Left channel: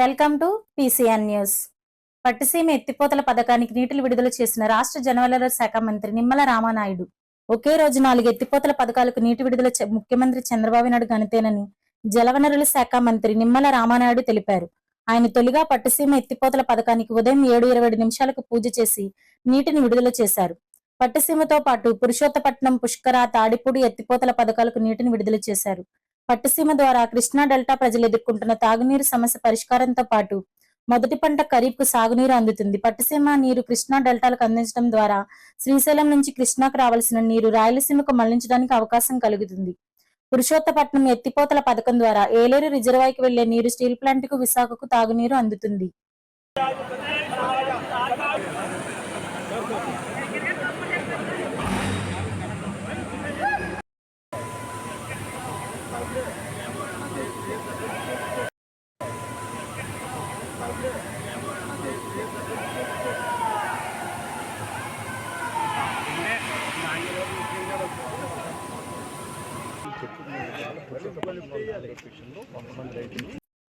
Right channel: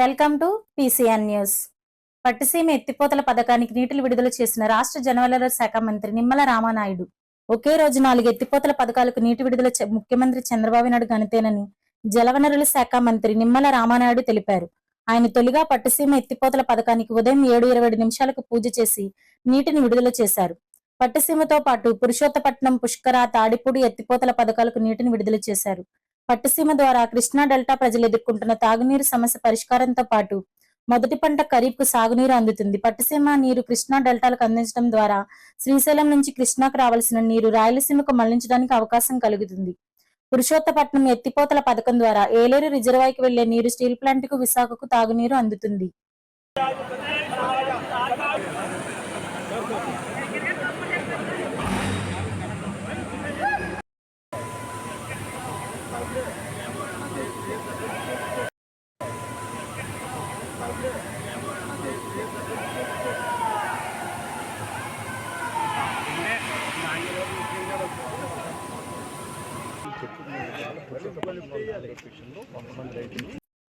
Welcome to PCN news. Pattiseema ఎత్తిపోతల పథకానికి నీటిని విడుదల చేసిన రాష్ట్ర జలవనరుల శాఖ మంత్రి నిమ్మల రామానాయుడు ఒకే రోజు 4 ఎత్తిపోతల పథకాలకు నీటి విడుదల ముఖ్యమంత్రి చంద్రబాబు నాయుడు ఘనతేనని జలవనరుల శాఖ మంత్రి నిమ్మల రామానాయుడు తెలిపారు. ఆయన తొలిగా పట్టిసీమ ఎత్తిపోతల పథకానికి ఉదయం 7:20 పూజ చేసి నీటిని విడుదల చేశారు. పట్టిసీమతో పాటు పురుషోత్తపట్నం, పుష్కర, తాడిపూడి ఎత్తిపోతల పథకాలకు నీటిని విడుదల చేశారు. పట్టిసీమ ద్వారా కృష్ణా డెల్టా ప్రజలు ఎదుర్కొంటున్న తాగునీరు సమస్య పరిష్కారంతో పాటు మొదటి పంట ఖరీఫ్కు సాగునీరు అందుతుంది. పట్టిసీమ నీరు కృష్ణా డెల్టాలకు అందించడం ద్వారా శ్రీశైలం నుంచి కృష్ణాకు రావాల్సిన నీరు రాయలసీమకు మళ్లించడానికి అవకాశం కలుగుతుంది. పురుషోత్తపట్నం ఎత్తిపోతల పథకం ద్వారా ఏలేరు రిజర్వాయర్కి వెళ్లే నీరు స్టీల్ ప్లాంట్కు, విశాఖకు తాగునీరు అందుతుంది.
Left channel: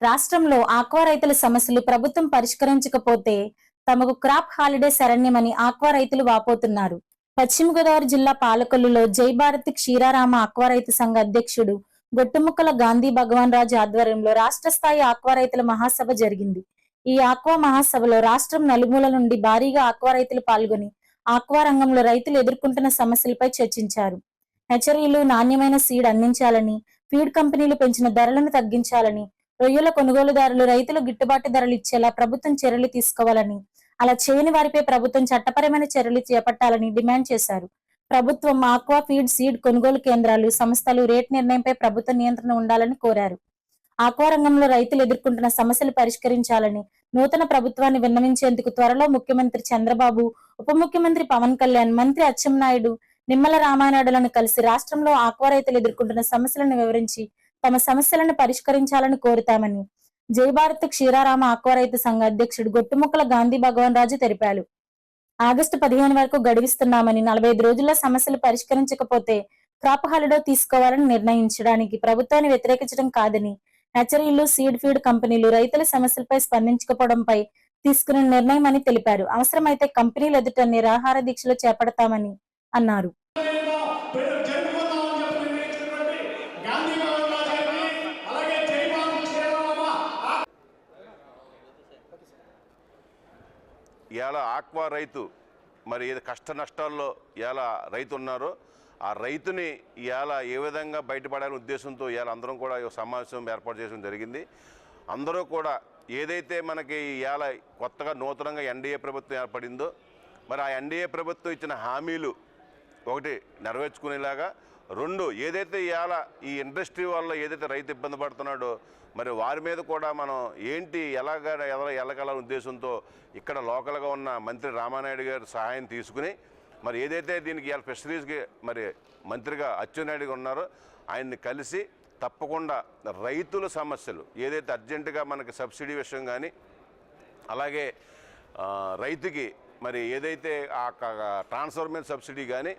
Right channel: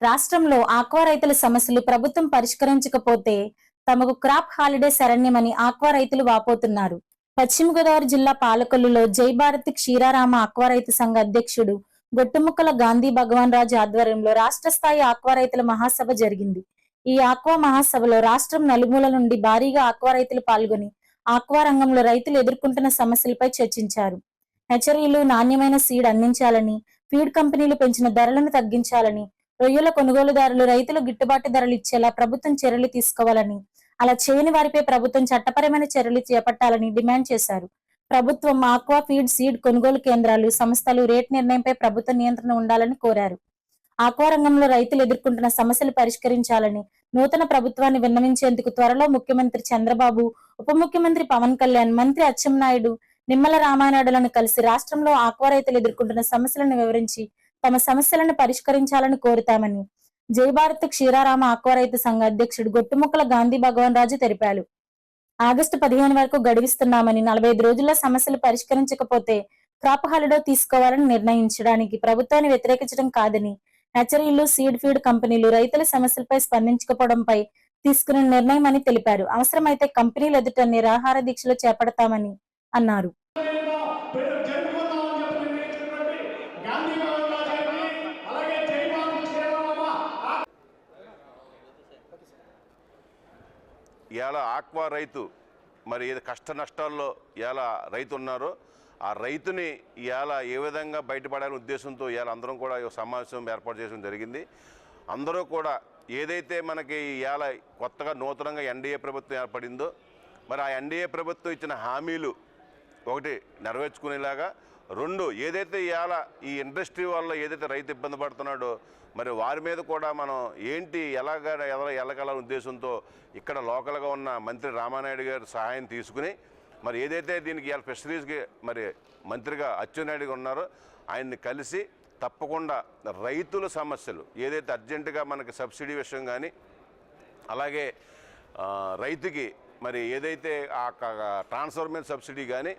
రాష్ట్రంలో ఆక్వా రైతుల సమస్యలు ప్రభుత్వం పరిష్కరించకపోతే తమకు క్రాప్ హాలిడే శరణ్యమని ఆక్వా రైతులు వాపోతున్నారు. పశ్చిమ గోదావరి జిల్లా పాలకొల్లులో జై భారతి క్షీరారామ ఆక్వా రైతు సంఘ అధ్యక్షుడు గొట్టుముక్కల గాంధీ భగవాన్ రాజు ఆధ్వర్యంలో రాష్ట్ర స్థాయి ఆక్వా రైతుల మహాసభ జరిగింది. ఈ ఆక్వా మహాసభలో రాష్ట్రం నలుమూల నుండి భారీగా ఆక్వా రైతులు పాల్గొని ఆక్వా రంగంలో రైతులు ఎదుర్కొంటున్న సమస్యలపై చర్చించారు. హెచ్చరీలు, నాణ్యమైన సీడ్ అందించాలని, ఫీడ్ కంపెనీలు పెంచిన ధరలను తగ్గించాలని, రొయ్యల కొనుగోలుదారులు రైతులు గిట్టుబాటు ధరలు ఇచ్చేలా ప్రభుత్వం చర్యలు తీసుకోవాలని, అలా చేయని వారిపై ప్రభుత్వం చట్టపరమైన చర్యలు చేపట్టాలని డిమాండ్ చేశారు. ప్రభుత్వం ఆక్వా ఫీడ్, సీడ్ కొనుగోలు కేంద్రాలు, సంస్థలు రేట్ నిర్ణయంపై ప్రభుత్వ నియంత్రణ ఉండాలని కోరారు. ఆక్వా రంగంలో రైతులు ఎదుర్కొంటున్న సమస్యలు పరిష్కరించాలని నూతన ప్రభుత్వాన్ని విన్నవించేందుకు త్వరలో ముఖ్యమంత్రి చంద్రబాబు, ఉప ముఖ్యమంత్రి పవన్ కళ్యాణ్, మంత్రి అచ్చెన్నాయుడు, నిమ్మల రామానాయుడులను కలిసి రాష్ట్రంలో ఆక్వా రైతులు ఎదుర్కొంటున్న సమస్యలను వివరించి తమ సమస్యలను పరిష్కరించాలని కోరుతామని జై భారత్ క్షీరారామ ఆక్వా రైతు సంఘ అధ్యక్షుడు గొట్టుముక్కల గాంధీ భగవాన్ రాజు తెలిపారు. ఆగస్టు 15 వరకు గడువిస్తున్నామని, 45 రోజుల్లో సమస్యలు పరిష్కరించకపోతే క్రాప్ హాలిడే తీసుకోవాలని నిర్ణయించడానికి ప్రభుత్వాన్ని వ్యతిరేకించడం కాదని, నర్సరీలు, సీడ్ ఫీడ్ కంపెనీలు రైతుల సమస్యలపై స్పందించకపోవడంపై తీసుకున్న నిర్ణయం అని తెలిపారు. అవసరమైతే కంపెనీలు ఎదుట నిరాహార దీక్షలు చేపడతామని అన్నారు. ఇవాళ ఆక్వా రైతు మరి ఏది కష్ట నష్టాల్లో ఇవాళ రైతు ఉన్నారో ఆ రైతుని ఇవాళ ఏ విధంగా బయటపడాలనే ఉద్దేశంతో ఇవాళ అందరం కూడా సమావేశం ఏర్పాటు చేయడం జరిగింది. అందరూ కూడా ఏదైతే మనకి ఇవాళ కొత్తగా నూతనంగా ఎన్డీఏ ప్రభుత్వం ఏర్పడిందో మరి ఆ ఎన్డీఏ ప్రభుత్వం ఇచ్చిన హామీలు ఒకటి నెరవేర్చుకునేలాగా, రెండు ఏదైతే ఇవాళ ఈ ఇండస్ట్రీ వల్ల ఏదైతే రైతు ఇబ్బంది పడుతున్నాడో మరి వారి మీద కూడా మనం ఏంటి ఎలాగల ఉద్దేశంతో ఇక్కడ లోకల్గా ఉన్న మంత్రి రామానాయుడు గారి సహాయం తీసుకుని మరి ఏదైతే దీనికి ఇవాళ ఫిషరీస్కి మరి మంత్రిగా అచ్చెన్నాయుడు గారు ఉన్నారో ఆయన్ని కలిసి తప్పకుండా రైతుల సమస్యలు ఏదైతే అర్జెంటుగా మనకి సబ్సిడీ విషయం కానీ అలాగే రైతుకి మరి ఏదైతే ఆ ట్రాన్స్ఫర్మేషన్ సబ్సిడీ కానీ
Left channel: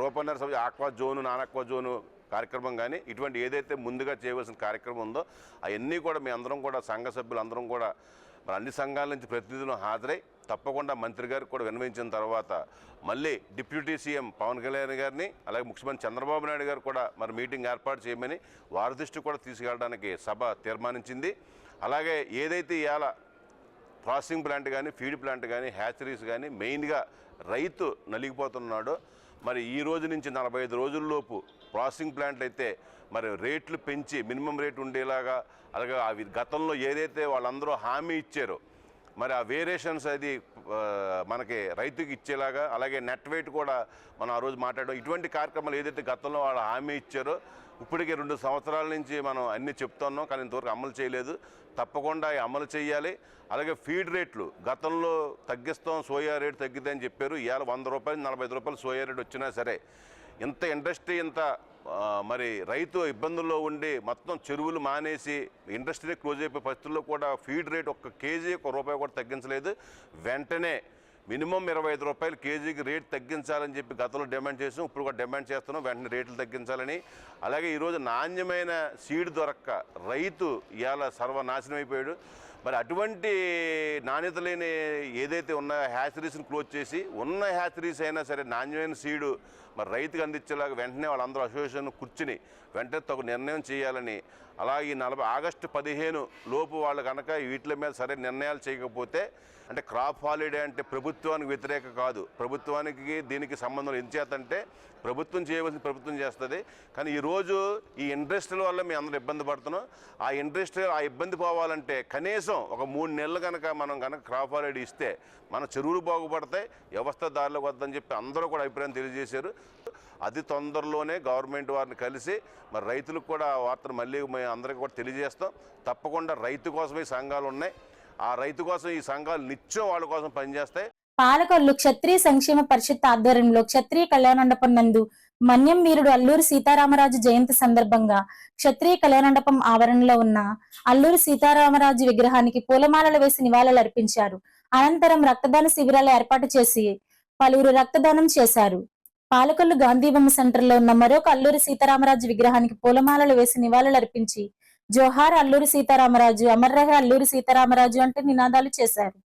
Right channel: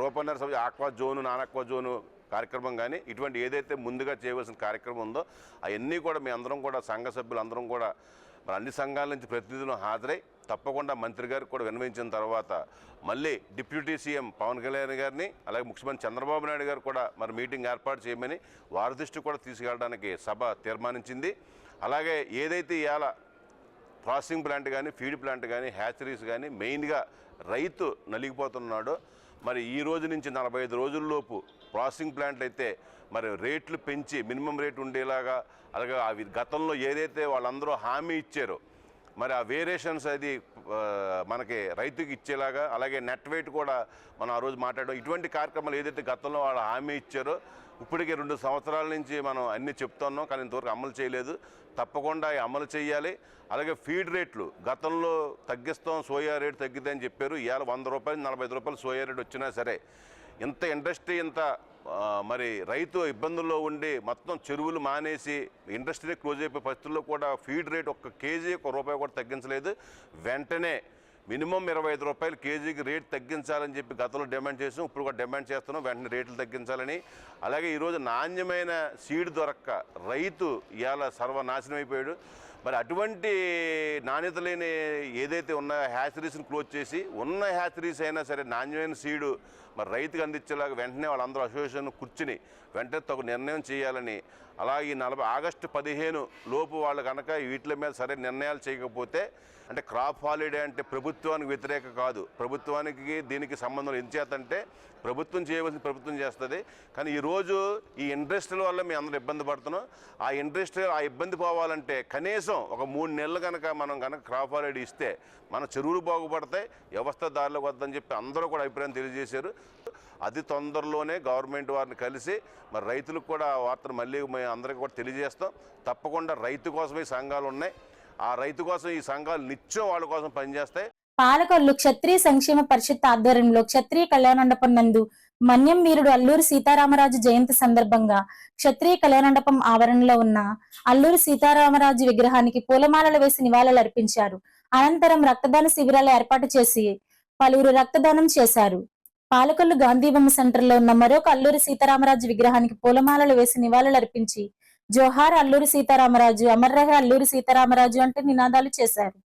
రూపాయన్నర subsidy, aqua zone, non aqua zone కార్యక్రమం కానీ ఇటువంటి ఏదైతే ముందుగా చేయవలసిన కార్యక్రమం ఉందో అవన్నీ కూడా మీ అందరం కూడా సంఘ సభ్యులు అందరం కూడా మరి అన్ని సంఘాల నుంచి ప్రతినిధులు హాజరై తప్పకుండా మంత్రి గారికి కూడా విన్నవించిన తర్వాత మళ్ళీ డిప్యూటీ సీఎం పవన్ కళ్యాణ్ గారిని అలాగే ముఖ్యమంత్రి చంద్రబాబు నాయుడు గారు కూడా మరి మీటింగ్ ఏర్పాటు చేయమని వారి దృష్టి కూడా తీసుకెళ్ళడానికి సభ తీర్మానించింది. అలాగే ఏదైతే ఇవాళ ప్రాసెసింగ్ ప్లాంట్ కానీ, ఫీడ్ ప్లాంట్ కానీ, హ్యాచరీస్ కానీ మెయిన్గా రైతు నలిగిపోతున్నాడో మరి ఈ రోజు నుంచి 45 రోజుల్లోపు ప్రాసెసింగ్ ప్లాంట్లు అయితే మరి రేట్లు పెంచి మినిమం రేట్ ఉండేలాగా, అలాగే అవి గతంలో ఏదైతే వాళ్ళందరూ హామీ ఇచ్చారో మరి ఆ వేరియేషన్స్ అది మనకి రైతుకి ఇచ్చేలాగా, అలాగే నెట్ వెయిట్ కూడా మనం ఆ రోజు మాట్లాడడం, ఇటువంటి కార్యక్రమాలు ఏదైతే గతంలో వాళ్ళు హామీ ఇచ్చారో ఇప్పటికే 2 సంవత్సరాల నుంచి మనం అన్నీ చెప్తున్నాం కానీ ఇంతవరకు అమలు చేయలేదు. తప్పకుండా అమలు చేయాలి. అలాగే ఫీడ్ రేట్లు గతంలో తగ్గిస్తాం, సోయా రేటు తగ్గిద్దని చెప్పారు. ఇవాళ 100 రూపాయలు 45 రూపాయలు సోయా రేటు వచ్చినా సరే ఇంత ఇండస్ట్రీ ఇంత మరి రైతు ఇబ్బందుల్లో ఉండి మొత్తం చెరువులు మానేసి ఇండస్ట్రీ క్లోజ్ అయిపోయే పరిస్థితుల్లో కూడా ఫీడ్ రేట్ ఒక్క కేజీ ₹1 కూడా తగ్గించలేదు. వెంటనే మినిమం 25 రూపాయలు కేజీకి రేట్ తగ్గించాలని చెప్పి గతంలో డిమాండ్ చేసాం, ఇప్పుడు కూడా డిమాండ్ చేస్తున్నాం. వెంటనే రేట్లు తగ్గించాలని, అలాగే ఈరోజు నాణ్యమైన సీడ్ దొరక్క రైతు ఇవాళ సర్వనాశనం అయిపోయాడు. మరి అటువంటి నాణ్యత లేని ఏదైతే ఉన్నాయో హ్యాచరీస్ని క్లోజ్ చేసి ఉన్న హ్యాచరీస్ అయినా సరే నాణ్యమైన సీడు మరి రైతుకు అందించేలాగా వెంటనే వాళ్ళందరూ అసోసియేషన్ కూర్చుని వెంటనే తగు నిర్ణయం చేయాలని, అలాగే ఈ ఆగస్టు 15 లోపు వాళ్ళు కనుక వీటి మీద సరైన నిర్ణయాలు చేయకపోతే, అంటే క్రాప్ హాలిడే అంటే ప్రభుత్వానికి వ్యతిరేక కాదు, ప్రభుత్వానికి దీనికి సంబంధం ఎంచేతంటే ప్రభుత్వం చేయవలసిన ప్రభుత్వం చేస్తుంది. కానీ ఈరోజు ఈ ఇండస్ట్రీల వల్ల మేము అందరూ ఇబ్బంది పడుతున్నాం. ఆ ఇండస్ట్రీ ఆ ఇబ్బంది పోవాలంటే కనీసం ఒక 3 నెలలు కనుక మనం కనుక క్రాప్ హాలిడే ఇస్తే మన చెరువులు బాగుపడతాయి, వ్యవస్థ దారిలోకి వద్దని చెప్పి అందరూ కూడా అభిప్రాయం తెలియజేశారు. అతి తొందరలోనే గవర్నమెంట్ వారిని కలిసి మరి రైతులకు కూడా వార్తను మళ్ళీ మేము అందరికీ కూడా తెలియజేస్తాం. తప్పకుండా రైతు కోసమే ఈ సంఘాలు ఉన్నాయి. ఆ రైతు కోసం ఈ సంఘాలు నిత్యం వాళ్ళ కోసం పనిచేస్తాయి. పాలకొల్లు క్షత్రియ సంక్షేమ పరిషత్ ఆధ్వర్యంలో క్షత్రియ కళ్యాణమండపం నందు మన్యం వీరుడు అల్లూరి సీతారామరాజు జయంతి సందర్భంగా క్షత్రియ కళ్యాణమండపం ఆవరణలో ఉన్న అల్లూరి సీతారామరాజు విగ్రహానికి పూలమాలలు వేసి నివాళులర్పించారు. అనంతరం రక్తదాన శిబిరాలు ఏర్పాటు చేసి పలువురు రక్తదానం చేశారు. పాలకొల్లు గాంధీబొమ్మ సెంటర్ లో ఉన్న మరొక అల్లూరి సీతారామరాజు విగ్రహానికి పూలమాలలు వేసి నివాళులర్పించి జోహార్ అల్లూరి సీతారామరాజు, అమర్ రహే అల్లూరి సీతారామరాజు అంటూ నినాదాలు చేశారు.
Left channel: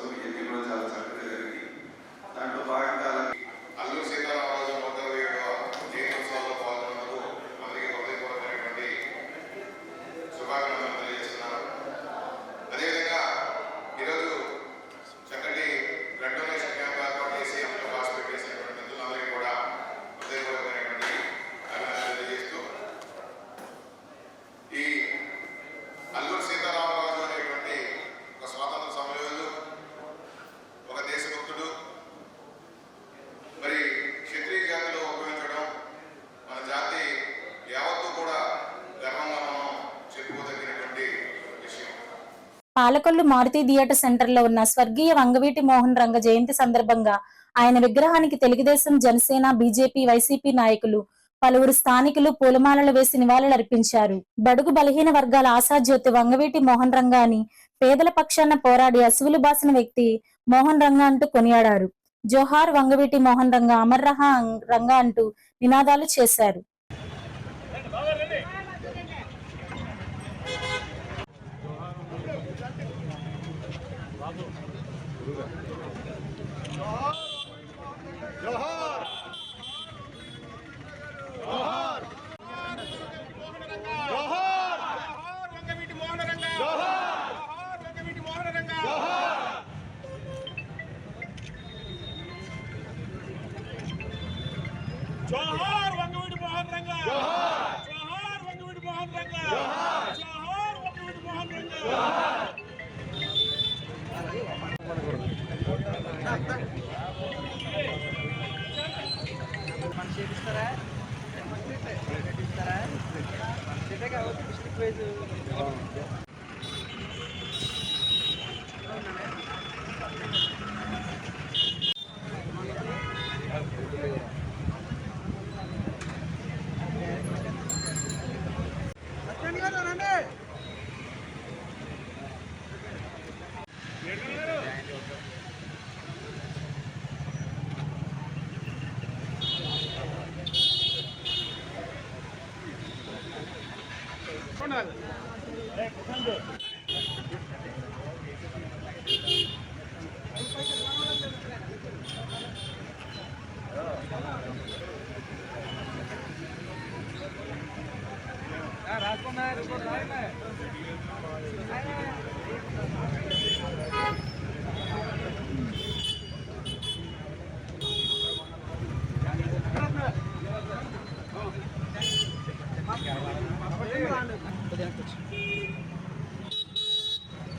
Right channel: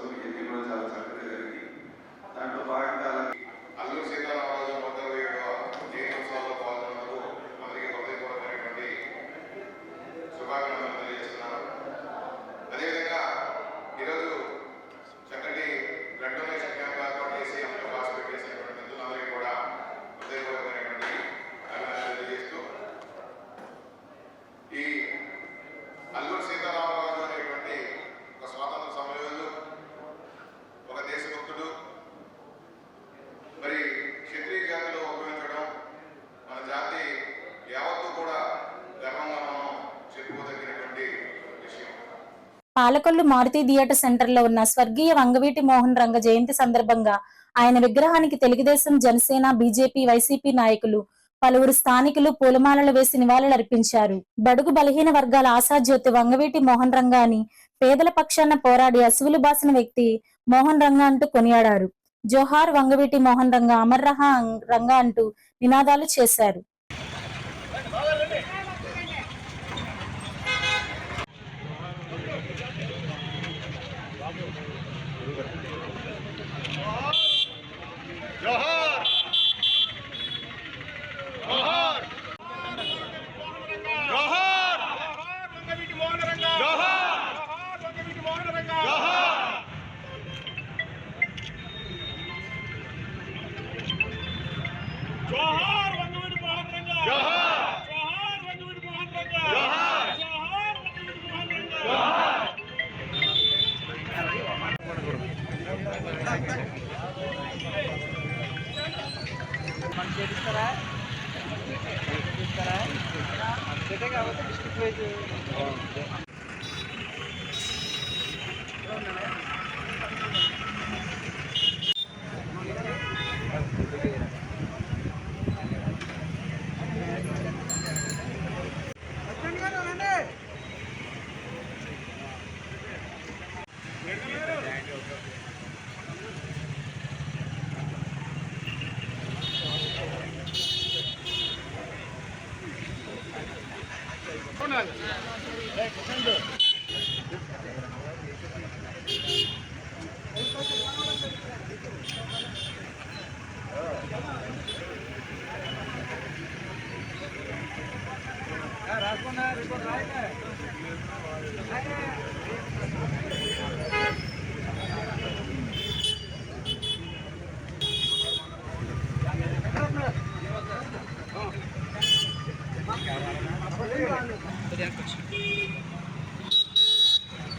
రోజు ఎన్నికలు చాలా చక్కగా జరిగింది. దాంట్లో భాగంగా అల్లూరి సీతారామరాజు 127వ జయంత్యోత్సవాల్లో పాల్గొన్నందుకు అందరికీ హృదయపూర్వకమైనటువంటి శుభాకాంక్షలు తెలియజేస్తున్నాను. అదేవిధంగా ఈరోజు చక్కటి బ్లడ్ డొనేషన్ క్యాంప్ ఏర్పాటు చేసి అందులో పార్టిసిపేట్ చేసినటువంటి మిత్రులందరికీ కూడా హృదయపూర్వకమైనటువంటి అభినందనలు తెలియజేస్తూ ఈ అల్లూరి సీతారామరాజు అనేటువంటి ఒక స్వాతంత్ర సమరయోధుడు, ఒక దేశభక్తుడు, మరి క్షత్రియ జాతిలో ఉపయోగించడం మన జాతి యావత్తు కూడా గర్వంగా మనం చెప్పుకోదగినటువంటి విషయం. పాలకొల్లు మారుతి థియేటర్ సెంటర్ లో ఉన్న స్వర్గీయ వంగవీటి మోహన్ రంగ జయంతి సందర్భంగా ఆయన విగ్రహానికి తెలుగుదేశం, జనసేన, బీజేపీ, వైసీపీ నాయకులు, పలువురు స్థానికులు పూలమాలలు వేసి నివాళులర్పించారు. బడుగు బలహీన వర్గాల ఆశాజ్యోతి వంగవీటి మోహన్ రంగ అని పేదల పక్షాన పోరాడి అసువులు బాసిన వ్యక్తి మోహన్ రంగ అంటూ కొనియాడారు. జోహార్ వంగవీటి మోహన్ రంగ, అమర్ రహా రంగ అంటూ నినాదాలు చేశారు. జోహార్ జోహార్ జోహార్ వంగవీటి మోహన్ రంగ, జోహార్ వంగవీటి మోహన్ రంగ, జోహార్ జోహార్ వంగవీటి మోహన్ రంగ, జోహార్ వంగవీటి మోహన్ రంగ, జోహార్ వంగవీటి మోహన్ రంగ, జోహార్.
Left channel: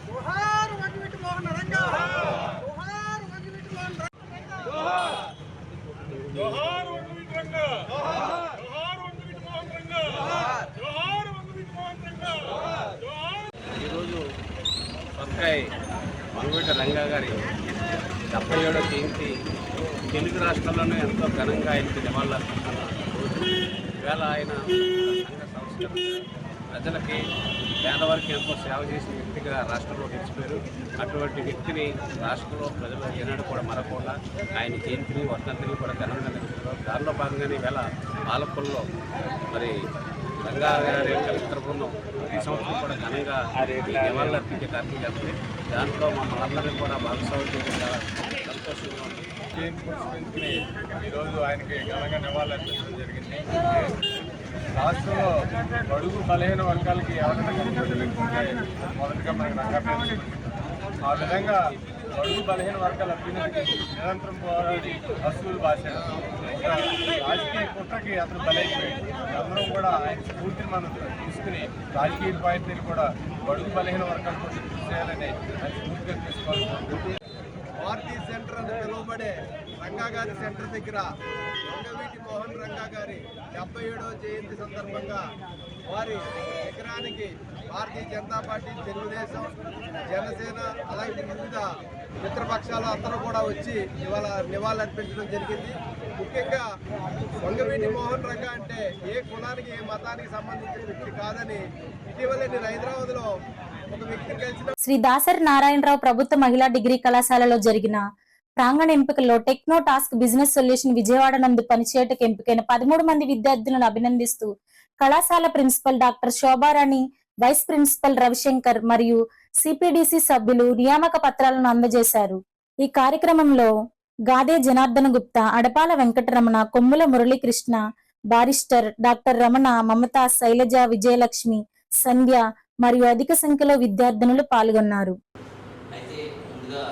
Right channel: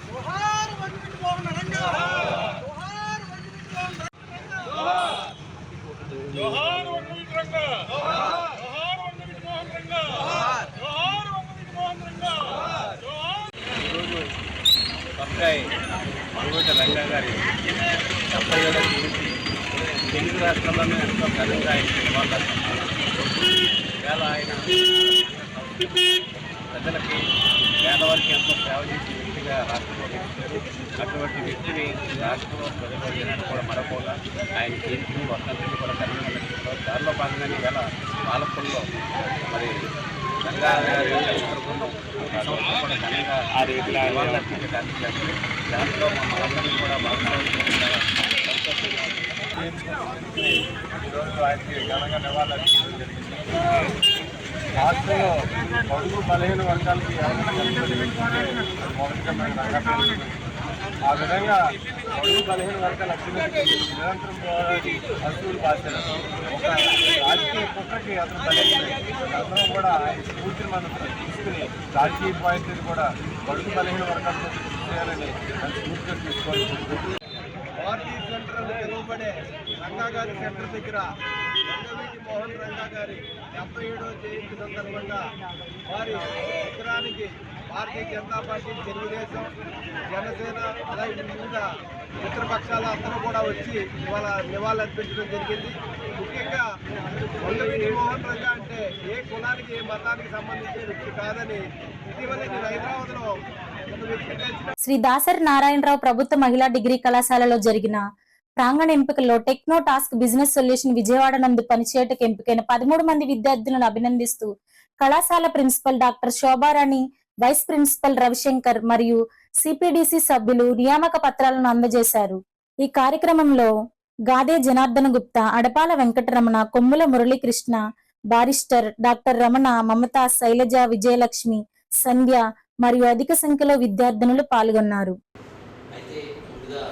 జోహార్ వంగవీటి మోహన్ రంగ, జోహార్ వంగవీటి మోహన్ రంగ, జోహార్ వంగవీటి రంగ, జోహార్ వంగవీటి మోహన్ రంగ, జోహార్ వంగవీటి మోహన్ రంగ, జోహార్. ఈరోజు పక్కాయి వంగవీటి రంగ గారి 77వ జయంతి తెలుగు రాష్ట్రాల్లోనే ఎంతో ఘనంగా ఆయనకి నివాళులర్పిస్తున్నారు. ఇవాళ ఆయన ప్రజలకి, పేదవారికి ఎంతో సేవ చేసిన వ్యక్తిగా రాష్ట్రంలో గెలిచారు. అటువంటి వ్యక్తిని రాష్ట్రంలో ప్రజలు ఈనాడు కూడా మరొకలా ఆయన జయంతిని, వర్ధంతిని కూడా ఘనంగా నడుపుతున్నారు. దానిలో భాగంగానే ఈవేళ పాలకొల్లో మరి రంగా గారి చిత్రబృందం ప్రతి సంవత్సరం కూడా ఘనంగా నివాళులర్పించే కార్యక్రమం చేస్తుంది. దాంట్లో మనందరినీ కూడా భాగస్వామ్యం చేయడం సంతోషంగా ఉంది. ఈరోజు ఆయనకి ఘనంగా నివాళులర్పించడం జరిగింది. రాష్ట్రంలో బడుగు బలహీన వర్గాలకి ఎవరైనా కల్పించే అది మొదటిగా మనకి రంగపేరు. ఆ విధంగా బడుగు బలహీన వర్గాల అభ్యున్నతికి నిరంతరం పోరాడి అసూలు భాషలు ఒక రాజకీయ కుట్రకి అతను బలైపోయింది. అందరం కూడా ఆయన స్ఫూర్తిని మనం తీసుకుని రాజకీయ పాయింట్ని కూడా బడుగు బలహీన వర్గాలతో కృషి చేయాలని అది స్ఫూర్తిగా తీసుకోవాలనుకుంటుంది. పార్టీ సెంటర్ అని పిలువబడే రంగా గారి సెంటర్ దగ్గర వంగవీటి మోహన్ రంగా గారి 77వ జయంతి సందర్భంగా వారి విగ్రహానికి భారతీయ జనతా పార్టీ, తెలుగుదేశం, జనసేన అలాగే వివిధ మిత్రపక్షాలు అందరూ కూడా వచ్చి ఇవాళ నివాళులర్పించడం జరిగింది. ముఖ్యంగా వంగవీటి మోహన్ రంగా అంటే ఏ కులానికి, ఏ మతానికి సంబంధించిన వ్యక్తి కాదని ఇటీవల నేను హైదరాబాద్లో ఒక వ్యక్తిని కలిసిన శ్రీ దాసరి నారాయణరావు ప్రభుత్వ మహిళా డిగ్రీ కళాశాలలో జరిగిన ప్రాంగణ ఎంపికల్లో techno task business solution Vijayawada నందు పనిచేయటకు ఎంపికైన 13 మంది విద్యార్థులను అభినందిస్తూ కళాశాల principal doctor Shobharani vice principal Ravishankar మరియు సిపిడిసి సభ్యులు నియామక పత్రాలను అందజేశారు. ఈ కార్యక్రమంలో గాదే జనార్దన గుప్తా, అడపాల వెంకటరమణ, కొమ్ముల మురళీకృష్ణ, బారిస్టర్ డాక్టర్ రమణ, మమత, శైలజ, విజయలక్ష్మి, సంధ్య మరియు అధిక సంఖ్యలో విద్యార్థినులు పాల్గొన్నారు. అయితే ముందుగా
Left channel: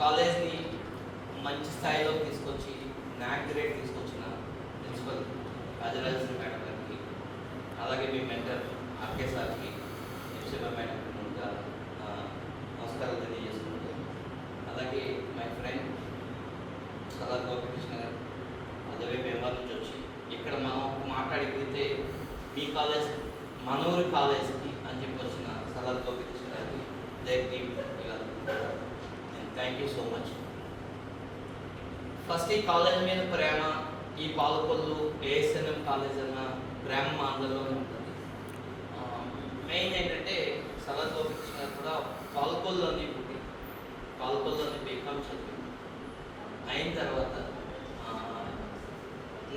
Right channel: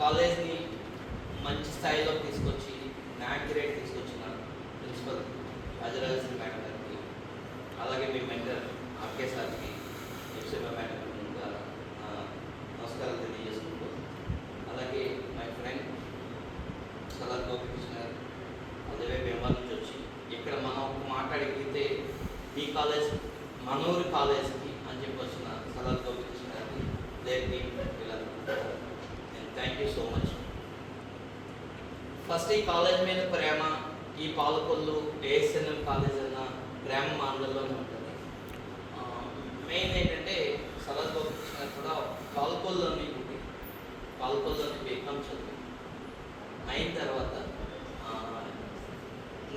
కాలేజ్ని మంచి స్థాయిలో తీసుకొచ్చి నాక్ గ్రేడ్ తీసుకొచ్చిన ప్రిన్సిపల్ రాజరాజేశ్వరి మేడం గారికి, అలాగే మీ మెంటర్ ఆర్కే సార్కి, ఎఫ్సిబా మేడంకి ముందుగా నమస్కారాలు తెలియజేసుకుంటూ, అలాగే మై ఫ్రెండ్ సలార్ గోపికృష్ణ గారు అదే బెంగాల్ నుంచి వచ్చి ఇక్కడ మనం ఒక మాట్లాడితే మీ కాలేజ్ మనూరి కాలేజ్కి అని చెప్పి వచ్చిన సలార్ గోపికృష్ణ గారికి thank you so much. First ఈ కాలేజ్ మీద ప్రేమ, ఈ పాలకొల్లు ఏఎస్ఎన్ఎం కాలేజ్ అన్న ప్రేమ మా అందరిలోనే ఉంటుంది. మెయిన్ ఏంటంటే సలార్ గోపికృష్ణ గారు కూడా పాలకొల్లులోనే పుట్టి పాలకొల్లులోనే బీకామ్ చదివి అయిన తర్వాత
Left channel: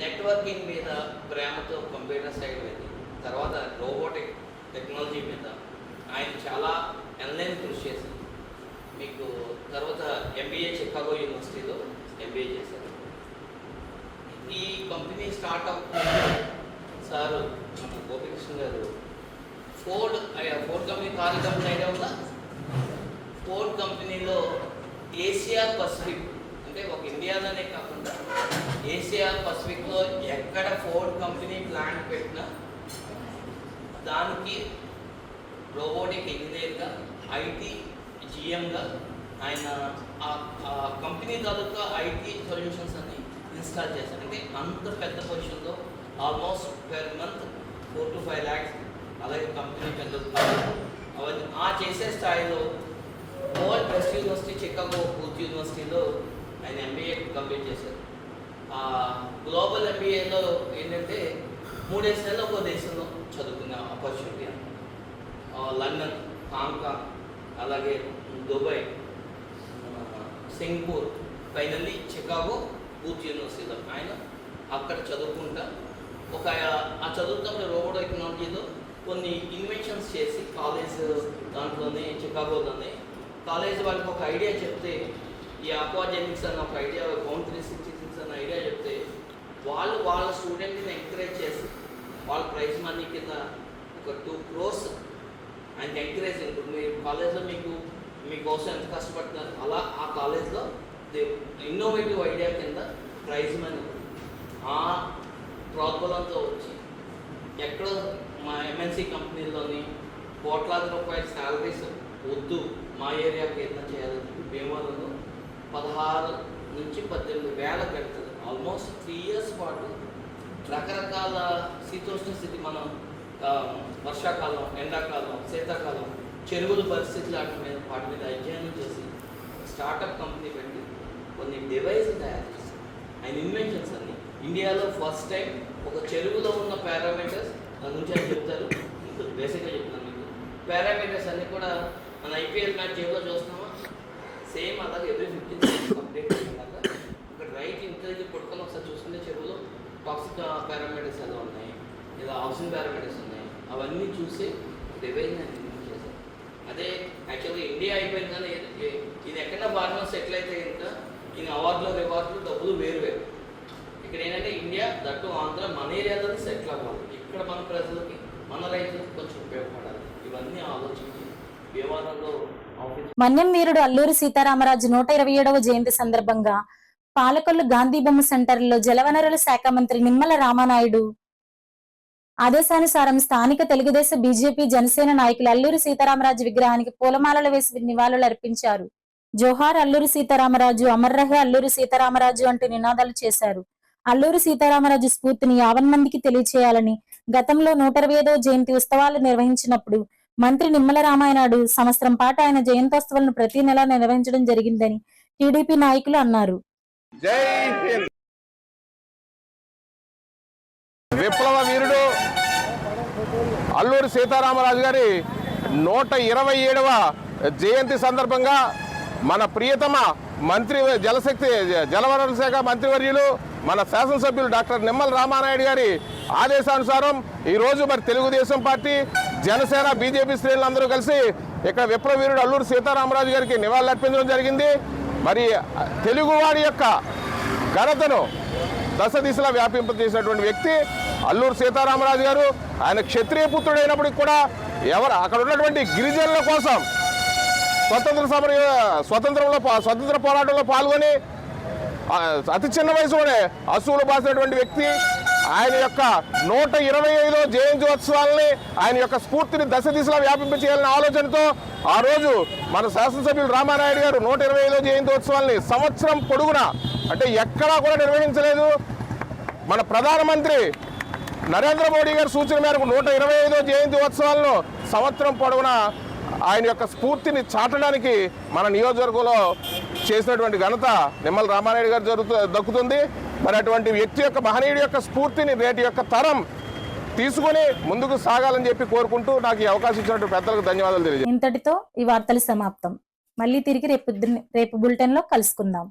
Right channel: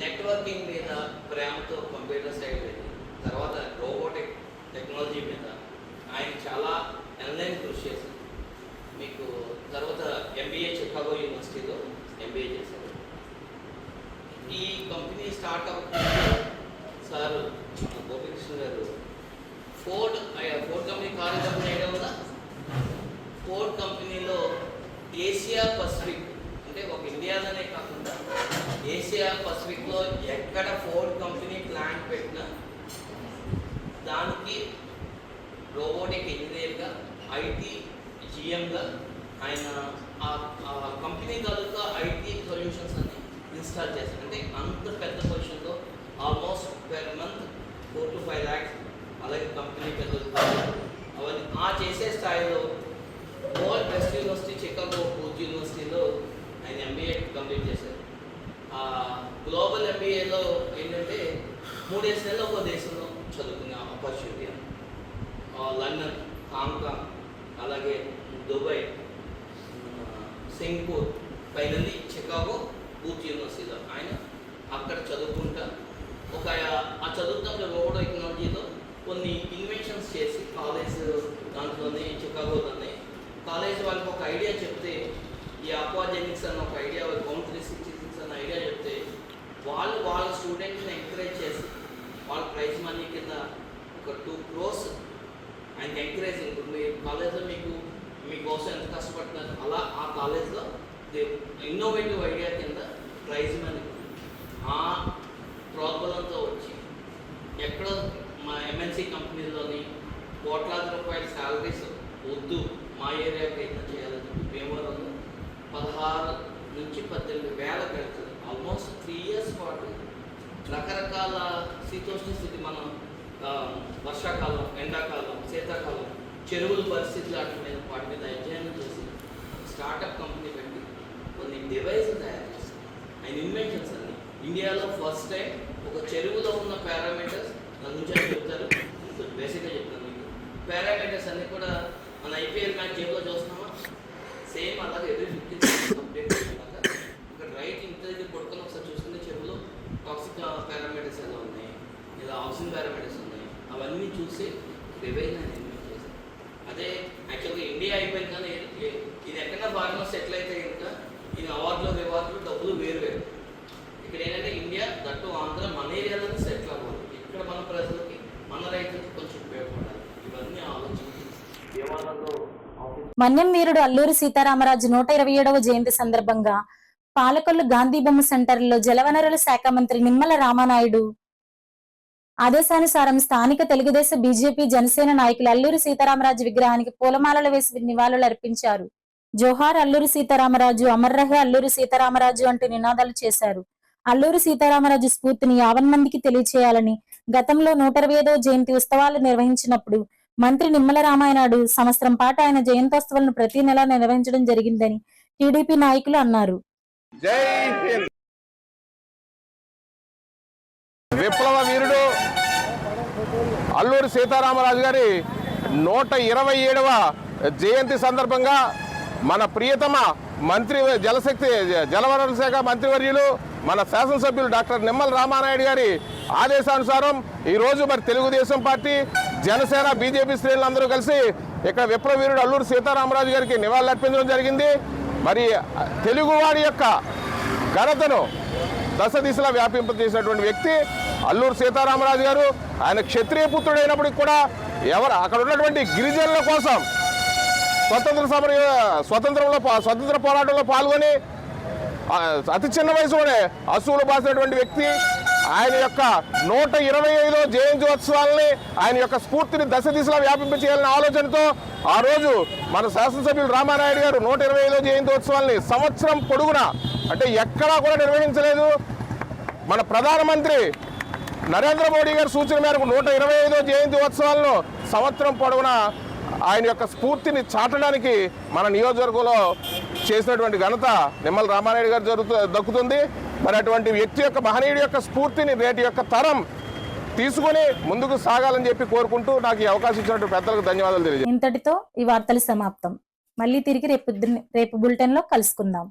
నెట్వర్కింగ్ మీద ప్రేమతో కంప్యూటర్ సైడ్ వెళ్ళి తర్వాత రోబోటిక్ టెక్నాలజీ మీద ఆయన చాలా ఎన్లైన్ కృషి చేసి మీకు తర్వాత ఎంబీఏ చికాగో యూనివర్సిటీలో ఎంబీఏ చేశారు. ఈ కంపెనీ స్టార్ట్ అవుతుంది సార్ గోపికృష్ణ గారు Ford company car company idea ఉందా? ఫోర్డ్ కంపెనీలో ఏషియా పసిఫిక్ అంటే ఒక ఇండియాలోనే కాకుండా ఏషియా పసిఫిక్లో ఎక్కడ ఫోర్డ్ కంపెనీ ప్లాంట్ పెట్టినా దానికి రోబోటిక్ ఇంజనీర్గా, ఐటీ జిఎంగా ఆయన ఆ కంపెనీ తాలూకా ఐటీ సొల్యూషన్స్ అన్ని ఇన్స్టాల్ చేశారు. అంటే అంత పెద్ద పొజిషన్లో almost per month 4 to 5 lakhs, అలాగే కంపెనీ పెద్దది అవన్నీ ఆ చేసే స్థాయిలో world best university Chicago booth యూనివర్సిటీలో ఆయన ఎంబీఏ కంప్లీట్ చేశారు. గ్లోబల్ ఎంబీఏలో ఏంటంటే 3 నెలలు ఒక దేశంలో చదువుకునే ఆపర్చునిటీ అని లండన్, హాంకాంగ్, అలాగే Dubai, Singapore, finally Chicago booth యూనివర్సిటీలో ఆయన అక్కడ చదువుకుంటా ఆ చదువుతున్న రోబోట్ టెక్నాలజీలో కొన్ని ఇన్వెన్షన్స్ చేసి కాలేజ్ దాంట్లోనే చికాగోలోనే కాలేజ్ వాళ్ళకి ఒక ఐడియా చెప్తే ఈ అక్వాజెనిక్స్ అన్న ఒక ఐడియా, హోమ్ 366 అన్న ఐడియా చెప్తే వాళ్ళ స్టూడెంట్ని ఎంకరేజ్ చేసి వాళ్ళ ప్రైజ్ మనీ కింద ఒక 2 crores ఆయనకి ఎంకరేజ్ ఉంటుంది. మీ కాలేజ్లో మీకోసం ఎంత కష్టపడుతున్నారు అలా ఆ కాలేజ్లో ఇన్నోవేటివ్ ఐడియా కింద ప్రైజ్ మనీ ఆ ప్రోద్బలంతో వచ్చి ఎక్కడో మా ఎంఎన్సీ కంపెనీల్లోని కోట్లాది రూపాయల శాలరీస్ వద్దు మా ఏరియాకి ఏదైనా చేయాలని భీమవరంలో 16 నుంచి 18 వేల పెడుతుంది. ఆల్మోస్ట్ 3 years పాటు రకరకాల శీతోష్ణ స్థితి మనం వర్షాకాలం, ఎండాకాలం, శీతాకాలం చెరువుల పరిస్థితులు వాటి మీద అధ్యయనం చేసి స్టార్టప్ కంపెనీ పెట్టి కొన్ని డివైస్లు తయారు చేసి ఆయన ఇన్వెన్షన్స్ అన్ని ఇండియాలో ఫస్ట్ టైం ఒక చెరువులో ఉన్న పారామీటర్స్ దాని గురించి అని చెప్తారు. బేసిక్గా చెప్తాను మీకు. పారామీటర్స్ అన్నీ కూడా మన ఐపీఎల్ మ్యాచ్ ఏదో చూస్తున్నామా సేమ్ అలాగే ఎవ్రీ 15 seconds కంప్లీట్ చేసినాక ఒక రైట్ ఇంటి దగ్గర కొడుకొని ఒకసారి చూసుకుంటే చెరువులో టాక్సిక్ పారామీటర్స్ ఎలా ఉన్నాయి, ఇలా ఆక్సిజన్ పారామీటర్స్ ఉన్నాయి, అవన్నీ చూసి డివైజ్ చేశారు. అదే యాక్చువల్గా ఇండియా అయిపోయింది కానీ ఇది ఎక్కడన్నా బాగా సెటిల్ అయితే ఇంకా ఇది రివార్డులు డబ్బులు వేరు. ఇక్కడ ఏంటంటే ఇండియా దట్టు ఆంధ్ర మన ఏరియాలోనే సెటిల్ అవ్వాలి, ఇక్కడ మన ప్రజలకి మన రైతులకు కొంచెం ఉపయోగపడాలి. ఇవన్నీ ఆలోచించి వివాదంలో మన్యం వీరుడు అల్లూరి సీతారామరాజు 127వ జయంతి సందర్భంగా పాలకొల్లు గాంధీ బొమ్మ సెంటర్లో జలవనరుల శాఖ మంత్రి నిమ్మల రామానాయుడు ఆదేశానుసారం స్థానిక తెలుగుదేశం, బీజేపీ, జనసేన నాయకులు అల్లూరి సీతారామరాజు విగ్రహానికి పూలమాలలు వేసి నివాళులు అర్పించారు. జోహార్ అల్లూరి సీతారామరాజు, అమర్ రహే అల్లూరి సీతారామరాజు అంటూ నినాదాలు చేశారు. అల్లూరి సీతారామరాజు స్ఫూర్తిని 50 మందికి తెలియచేయాలని గతంలో 125వ జయంతి ఉత్సవాలు నిర్వహించినప్పుడు మంత్రి నిమ్మల రామానాయుడు సంవత్సరం పాటు ఆయన జయంతోత్సవాలను ప్రతి నెల నిర్వహించడం జరిగిందని టీడీపీ నాయకులు అన్నారు. జై హింద్. విప్లవ వీరుడు అల్లూరి సీతారామరాజు గారి 127వ జయంతి సందర్భంగా మన ప్రియతమ మంత్రి జలవనరుల శాఖ మంత్రివర్యులు మన శాసనసభ్యులు డాక్టర్ నిమ్మల రామానాయుడు గారి ఆదేశానుసారం ఈరోజు మరి తెలుగుదేశం పార్టీ, జనసేన బీజేపీ శ్రేణులందరూ కలిసి ఇక్కడ విప్లవీరుడు అల్లూరి సీతారామరాజు గారికి నివాళులర్పించడం జరిగింది. మరి తెలుగువాడి యొక్క ఘనతను దశ దిశలా వ్యాపింపజేసినటువంటి వ్యక్తి అల్లూరి సీతారామరాజు గారు. ఆయన క్షత్రియ పుత్రుడైనప్పటికీ కూడా అక్కడ ఉన్నటువంటి గిరిజనుల కోసం స్వతంత్ర పోరాటంలో పాల్గొని అతి చిన్న వయసులోనే అసూలు బాసినటువంటి వ్యక్తి. ఆయన యొక్క 125వ జయంత్యోత్సవాలని ఆయన యొక్క స్ఫూర్తిని దశ దిశలా వ్యాపింపచేయాలనే ఆలోచనతో ఆ రోజు మన శాసనసభ్యులు రామానాయుడు గారు 125వ జయంత్యోత్సవాలని సంవత్సరం పొడుగునా అంటే ఎక్కడా కూడా నిర్వహించలేదు. మన ప్రధానమంత్రి నరేంద్ర మోడీ గారి సూచన మేరకు 125వ జయంత్యోత్సవాలను సంవత్సరం పొడవునా ఆయన యొక్క స్ఫూర్తిని చాటడానికి మన నియోజకవర్గంలో చేసినటువంటి ఘనత నిమ్మల రామానాయుడు గారు దక్కుతుంది. మరి అటువంటి వ్యక్తి యొక్క మహనీయుడి యొక్క స్ఫూర్తిని నేటి యొక్క తరం తీసుకొని ముందుకు సాగాలని చెప్పి కోరుకుంటూ నాకు ఈ అవకాశం ఇచ్చినటువంటి పెద్దలకు ధన్యవాదాలు తెలియజేస్తాను. ఇంతటితో ఈ వార్తలు సమాప్తం. మళ్ళీ తిరిగి రేపు బులెటిన్ లో కలుసుకుందాం.